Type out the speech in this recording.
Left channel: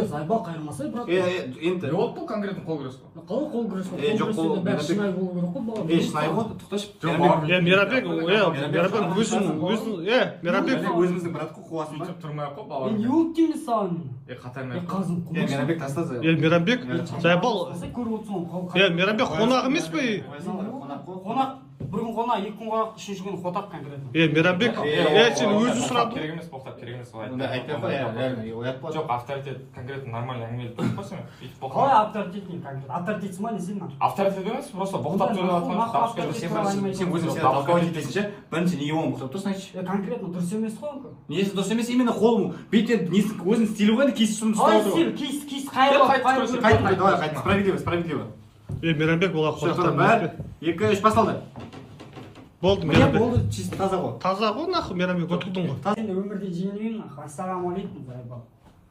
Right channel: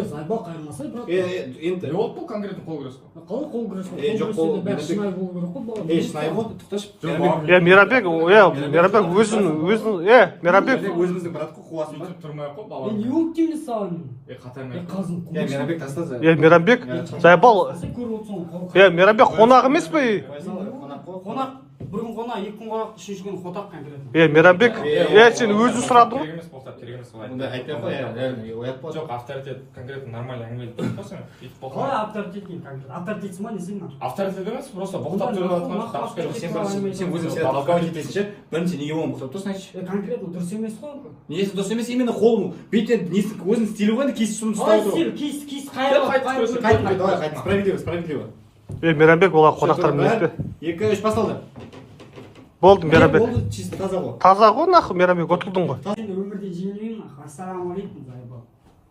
Зайбал қайырмаса, брат. Енді. Ол бұл конкретно қол күрес қой. Қалай қол күрес қой? Жоқ, қол бәрі шынайы болу керек қой, бала. Шынайы ғой, тоқташы. Мейрамбек, Мейрамбек өзін, Мейрамбек өзіміздің брат қой, қуасың ба? Тұрмай ақ қой, бала. Не болып деймін саған? Қатармен. Қазым. Мейрамбек таста. Мейрамбек, Зайбал, Көріп отырсың ғой. Мейрамбек қонақ емес пе? Қонақ, бір күн қонақ, екі күн қонақ, үшінші күн қотақ конкретно. Мейрамбек, сен өзі сұрадың ғой? Керек емес болса, керек емес солай. Айтпай қой, оят бол. Жоқ, авторитет конкретно нормально әңгімелеп тұрып қойсың. Қалай авторитет дейін конкретно? Авторитет сма не сен? Авторитет емес, просто боқтап жүрген Сен өзің сені толковать етесің ше, бірінші неге оны боқтап тұрсың айтшы. Конкретно дұрыс емес қой. Несі дұрыс емес, именно қолың бетен өзінің стилі ғой, кейс ұшын ұстап отыр ғой. Кейс қайыр. Справедливо. Мейрамбек олар қонақтар емес пе? 2-3 басталды. Болды, Мейрамбек. Болды, чисто таза ғой. Таза ғой, нахуй, Мейрамбек отырдың ғой. Сен өмірде жеңілмеймін, ассалаумағалейкум, Зайбал.